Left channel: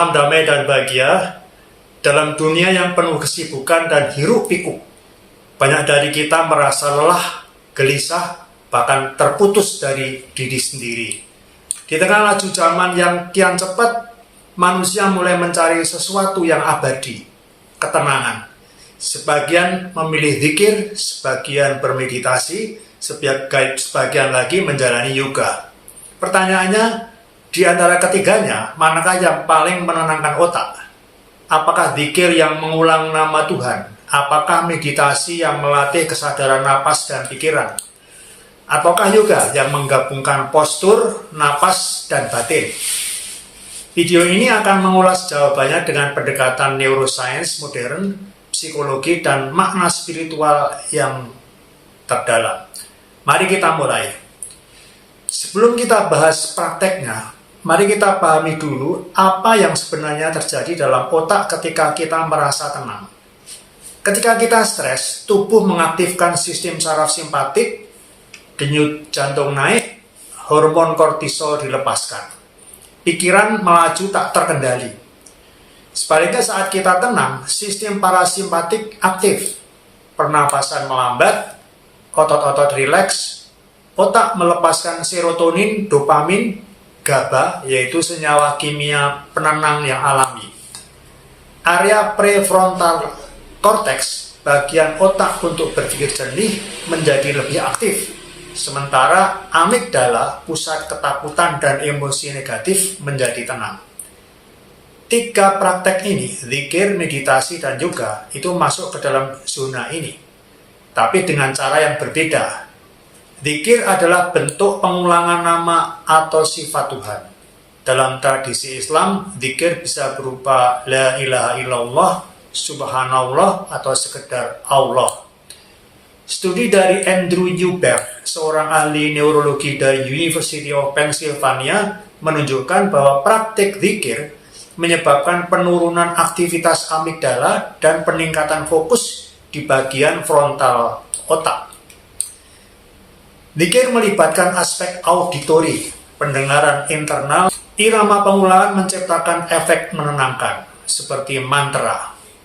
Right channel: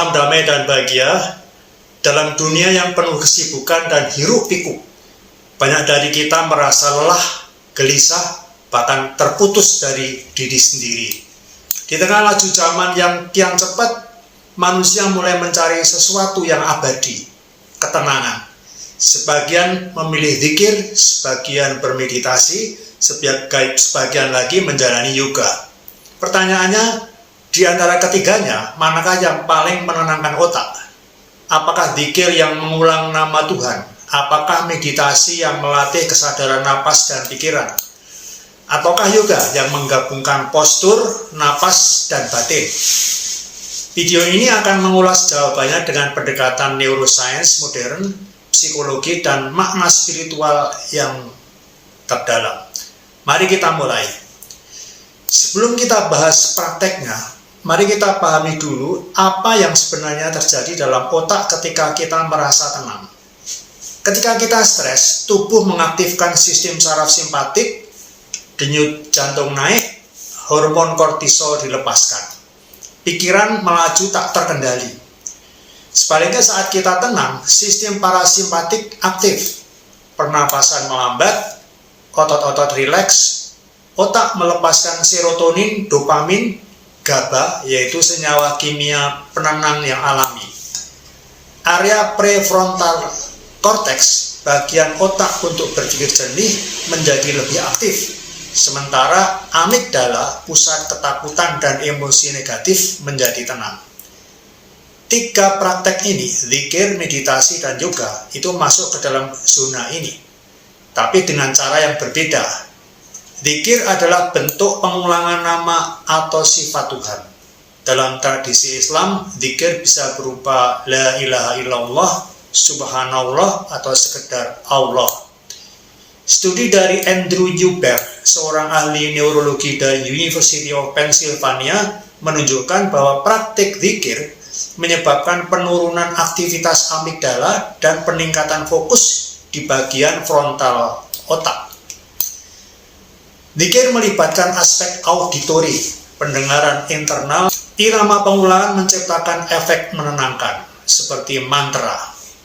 Salam damai dan bahagia. Dalam dunia yang penuh kesibukan dan hiruk-pikuk, banyak dari kita merasa lelah, gelisah, bahkan terputus dari diri sendiri. Di tengah laju zaman yang kian cepat, manusia mulai mencari sesuatu yang abadi, ketenangan. Sebagian memilih zikir, sebagian bermeditasi, sebagian lagi menjalani yoga. Pertanyaannya, di antara ketiganya, manakah yang paling menenangkan otak? Apakah zikir yang mengulang nama Tuhan? Apakah meditasi yang melatih kesadaran napas dan pikiran? Ataukah yoga yang menggabungkan postur, napas, dan batin? Video ini akan mengulas jawabannya dengan pendekatan neuroscience modern, psikologi, dan makna spiritual yang terdalam. Mari kita mulai. Sebelum kita bahas prakteknya, mari kita pahami dulu apa yang sebenarnya terjadi dalam otak ketika kita merasa tenang. Ketika kita stres, tubuh mengaktifkan sistem saraf simpatik, denyut jantung naik, hormon kortisol dilepaskan. Pikiran melaju tak terkendali. Sebaliknya saat kita tenang, sistem parasimpatik aktif. Pernapasan melambat, otot-otot rileks, otak melepaskan serotonin, dopamin, GABA, yaitu senyawa kimia penenang yang alami. Area prefrontal cortex, bagian otak untuk berpikir jernih, menjadi lebih aktif. Sementara amigdala, pusat ketakutan dan emosi negatif, menjadi tenang. Tiga praktek ini, zikir, meditasi, dan yoga, itu masuk ke dalam zona ini. Tapi dengan cara yang berbeda. Zikir adalah bentuk pengulangan nama atau sifat Tuhan. Dalam tradisi Islam, zikir bisa berupa la ilaha illallah, subhanallah, atau sekedar Allah. Studi dari Andrew Newberg, seorang ahli neurologi dari University of Pennsylvania, menunjukkan bahwa praktik zikir menyebabkan penurunan aktivitas amigdala dan peningkatan fokus di bagian frontal otak. Zikir melibatkan aspek auditori, pendengaran internal. Irama pengulangan menciptakan efek menenangkan, seperti mantra.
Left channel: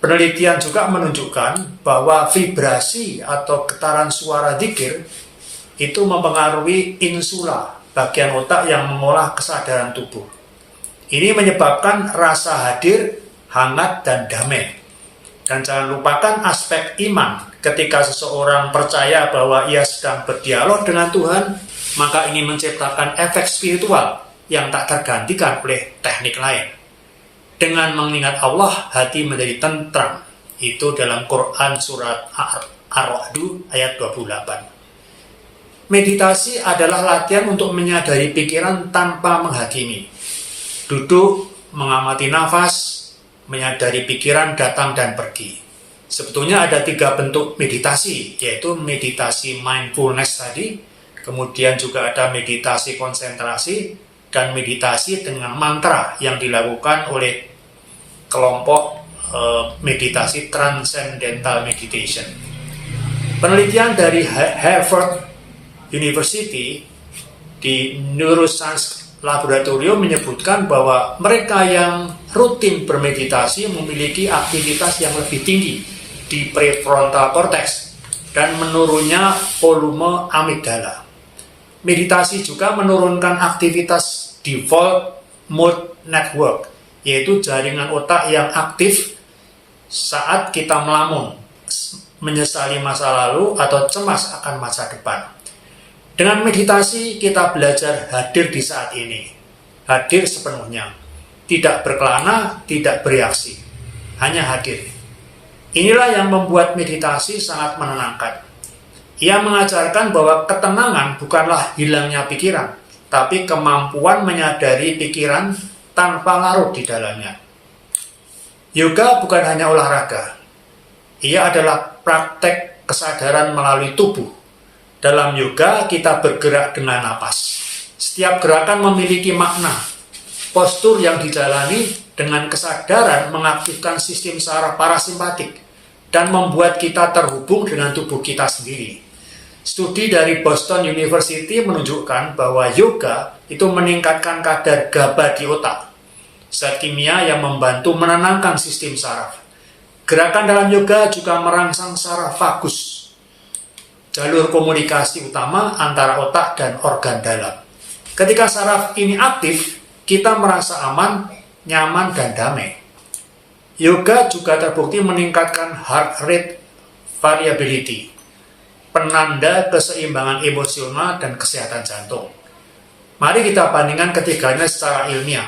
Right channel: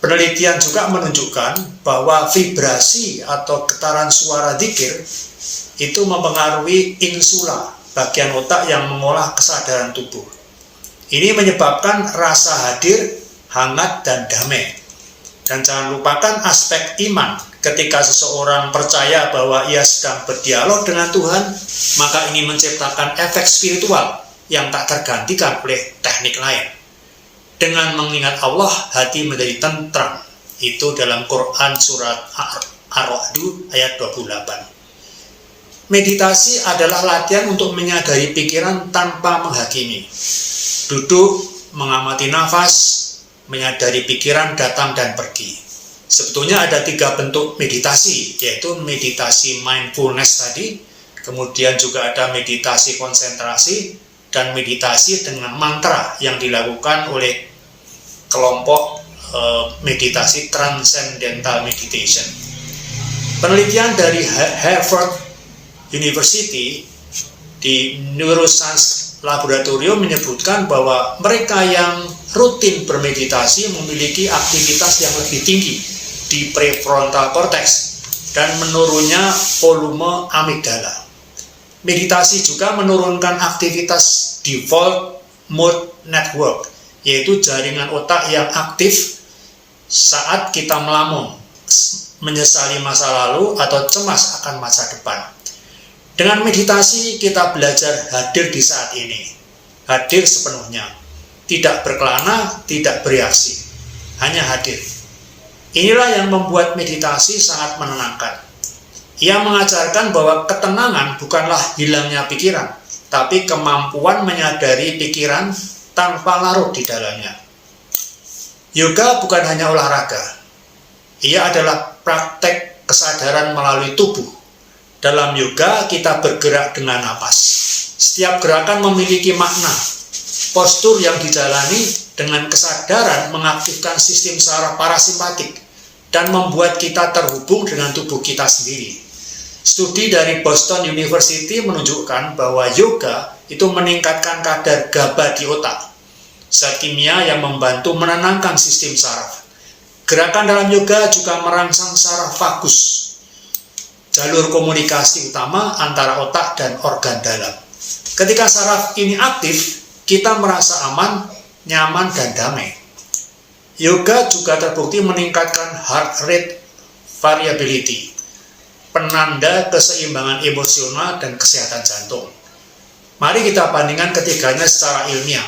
Penelitian juga menunjukkan bahwa vibrasi atau getaran suara zikir itu mempengaruhi insula, bagian otak yang mengolah kesadaran tubuh. Ini menyebabkan rasa hadir, hangat, dan damai. Dan jangan lupakan aspek iman. Ketika seseorang percaya bahwa ia sedang berdialog dengan Tuhan, maka ini menciptakan efek spiritual yang tak tergantikan oleh teknik lain. Dengan mengingat Allah, hati menjadi tentram. Itu dalam Quran surat Ar-Ra'd ayat 28. Meditasi adalah latihan untuk menyadari pikiran tanpa menghakimi. Duduk, mengamati nafas, menyadari pikiran datang dan pergi. Sebetulnya ada tiga bentuk meditasi, yaitu meditasi mindfulness tadi, kemudian juga ada meditasi konsentrasi, dan meditasi dengan mantra yang dilakukan oleh kelompok meditasi transcendental meditation. Penelitian dari Harvard University di Neuroscience Laboratorium menyebutkan bahwa mereka yang rutin bermeditasi memiliki aktivitas yang lebih tinggi di prefrontal cortex dan menurunnya volume amigdala. Meditasi juga menurunkan aktivitas default mode network, yaitu jaringan otak yang aktif saat kita melamun, menyesali masa lalu, atau cemas akan masa depan. Dengan meditasi, kita belajar hadir di saat ini, hadir sepenuhnya, tidak berkelana, tidak bereaksi, hanya hadir. Inilah yang membuat meditasi sangat menenangkan. Ia mengajarkan bahwa ketenangan bukanlah hilangnya pikiran, tapi kemampuan menyadari pikiran tanpa larut di dalamnya. Yoga bukan hanya olahraga. Ia adalah praktek kesadaran melalui tubuh. Dalam yoga, kita bergerak dengan napas. Setiap gerakan memiliki makna. Postur yang dijalani dengan kesadaran mengaktifkan sistem saraf parasimpatik dan membuat kita terhubung dengan tubuh kita sendiri. Studi dari Boston University menunjukkan bahwa yoga itu meningkatkan kadar GABA di otak. zat kimia yang membantu menenangkan sistem saraf. Gerakan dalam yoga juga merangsang saraf vagus, jalur komunikasi utama antara otak dan organ dalam. Ketika saraf ini aktif, kita merasa aman, nyaman, dan damai. Yoga juga terbukti meningkatkan heart rate variability, penanda keseimbangan emosional dan kesehatan jantung. Mari kita bandingkan ketiganya secara ilmiah.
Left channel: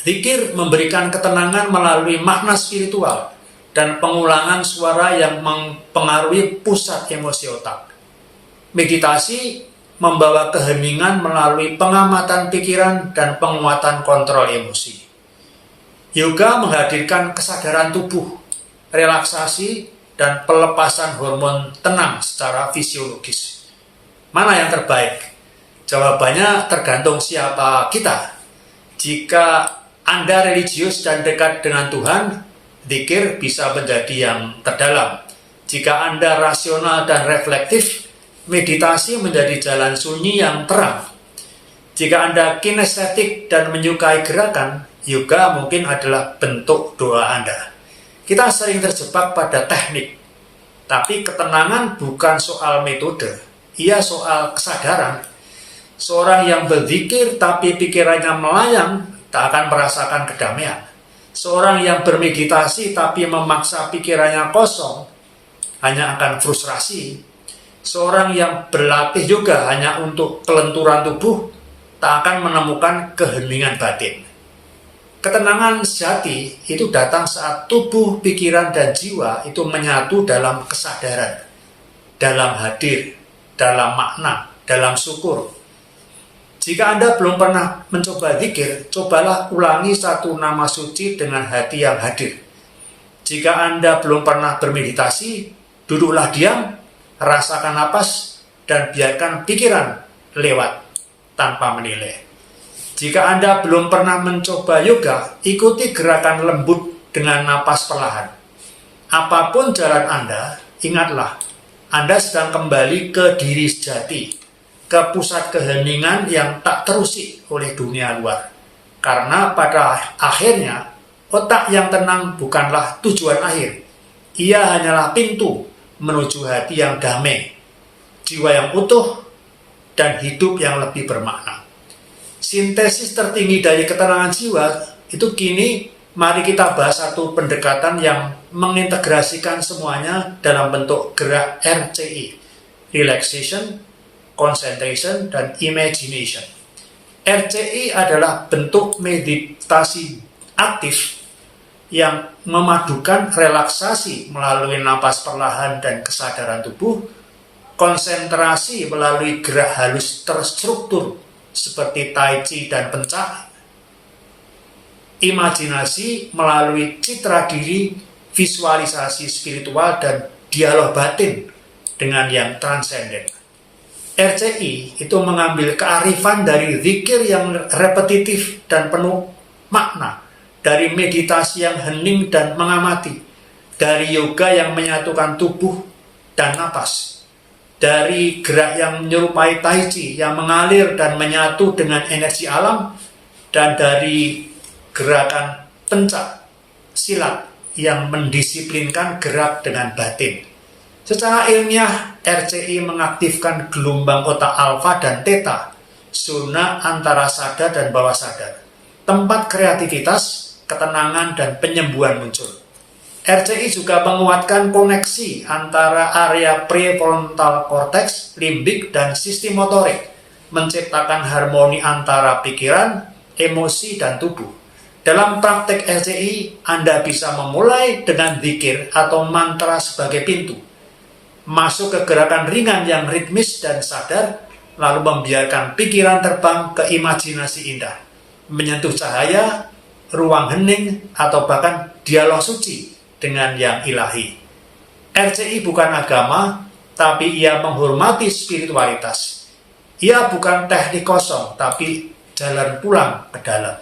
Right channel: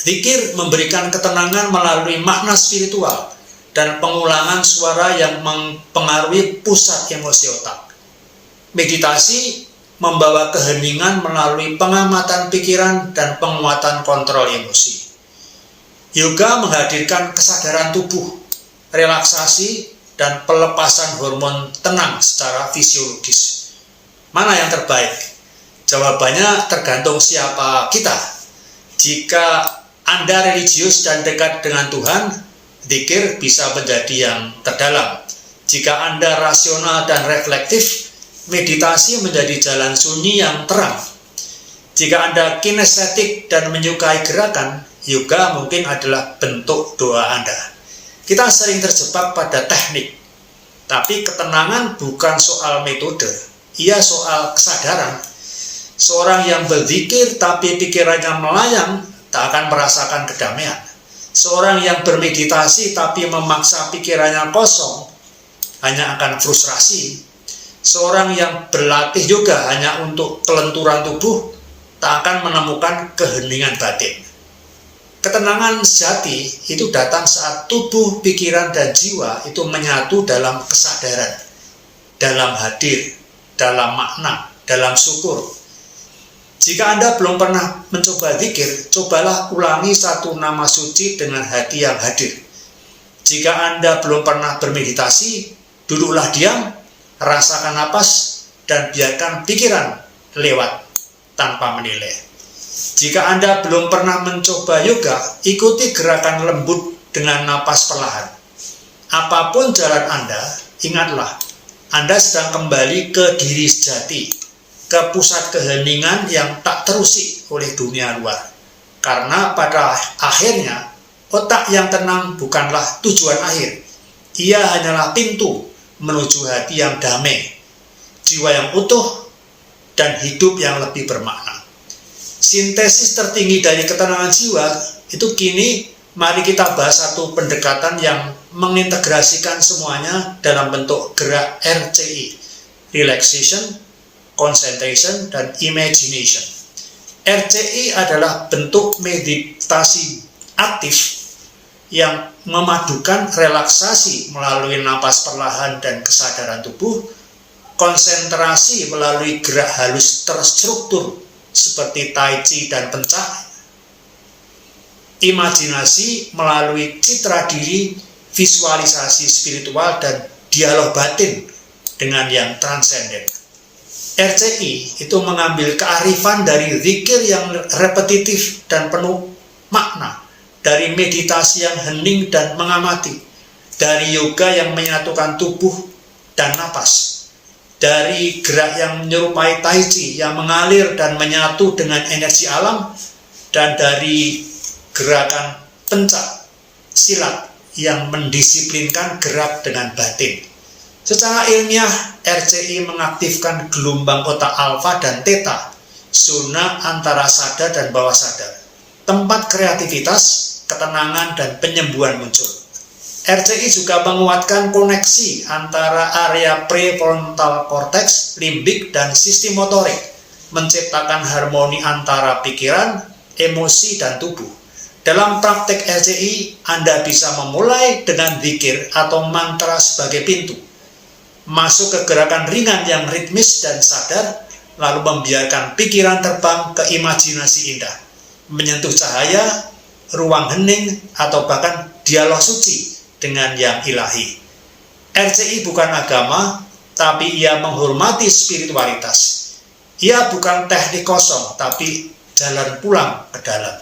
Zikir memberikan ketenangan melalui makna spiritual dan pengulangan suara yang mempengaruhi pusat emosi otak. Meditasi membawa keheningan melalui pengamatan pikiran dan penguatan kontrol emosi. Yoga menghadirkan kesadaran tubuh, relaksasi, dan pelepasan hormon tenang secara fisiologis. Mana yang terbaik? Jawabannya tergantung siapa kita. Jika Anda religius dan dekat dengan Tuhan, zikir bisa menjadi yang terdalam. Jika Anda rasional dan reflektif, meditasi menjadi jalan sunyi yang terang. Jika Anda kinestetik dan menyukai gerakan, yoga mungkin adalah bentuk doa Anda. Kita sering terjebak pada teknik, tapi ketenangan bukan soal metode, ia soal kesadaran. Seorang yang berzikir tapi pikirannya melayang tak akan merasakan kedamaian. Seorang yang bermeditasi tapi memaksa pikirannya kosong hanya akan frustrasi. Seorang yang berlatih juga hanya untuk kelenturan tubuh tak akan menemukan keheningan batin. Ketenangan sejati itu datang saat tubuh, pikiran, dan jiwa itu menyatu dalam kesadaran, dalam hadir, dalam makna, dalam syukur. Jika Anda belum pernah mencoba zikir, cobalah ulangi satu nama suci dengan hati yang hadir. Jika Anda belum pernah bermeditasi, duduklah diam, rasakan napas, dan biarkan pikiran lewat tanpa menilai. Jika Anda belum pernah mencoba yoga, ikuti gerakan lembut dengan napas perlahan. Apapun jalan Anda, ingatlah, Anda sedang kembali ke diri sejati, ke pusat keheningan yang tak terusik oleh dunia luar. Karena pada akhirnya, otak yang tenang bukanlah tujuan akhir. Ia hanyalah pintu menuju hati yang damai, jiwa yang utuh, dan hidup yang lebih bermakna. Sintesis tertinggi dari ketenangan jiwa itu kini mari kita bahas satu pendekatan yang mengintegrasikan semuanya dalam bentuk gerak RCI, Relaxation, Concentration, dan Imagination. RCI adalah bentuk meditasi aktif yang memadukan relaksasi melalui napas perlahan dan kesadaran tubuh, konsentrasi melalui gerak halus terstruktur seperti tai chi dan pencak, imajinasi melalui citra diri, visualisasi spiritual, dan dialog batin dengan yang transenden. RCI itu mengambil kearifan dari zikir yang repetitif dan penuh makna, dari meditasi yang hening dan mengamati, dari yoga yang menyatukan tubuh dan napas, dari gerak yang menyerupai tai chi yang mengalir dan menyatu dengan energi alam, dan dari gerakan pencak silat yang mendisiplinkan gerak dengan batin. Secara ilmiah, RCI mengaktifkan gelombang otak alfa dan theta, zona antara sadar dan bawah sadar, tempat kreativitas, ketenangan, dan penyembuhan muncul. RCI juga menguatkan koneksi antara area prefrontal cortex, limbik, dan sistem motorik, menciptakan harmoni antara pikiran, emosi, dan tubuh. Dalam praktek RCI, Anda bisa memulai dengan zikir atau mantra sebagai pintu, masuk ke gerakan ringan yang ritmis dan sadar, lalu membiarkan pikiran terbang ke imajinasi indah, menyentuh cahaya, ruang hening, atau bahkan dialog suci dengan yang ilahi. RCI bukan agama, tapi ia menghormati spiritualitas. Ia bukan teknik kosong, tapi jalan pulang ke dalam.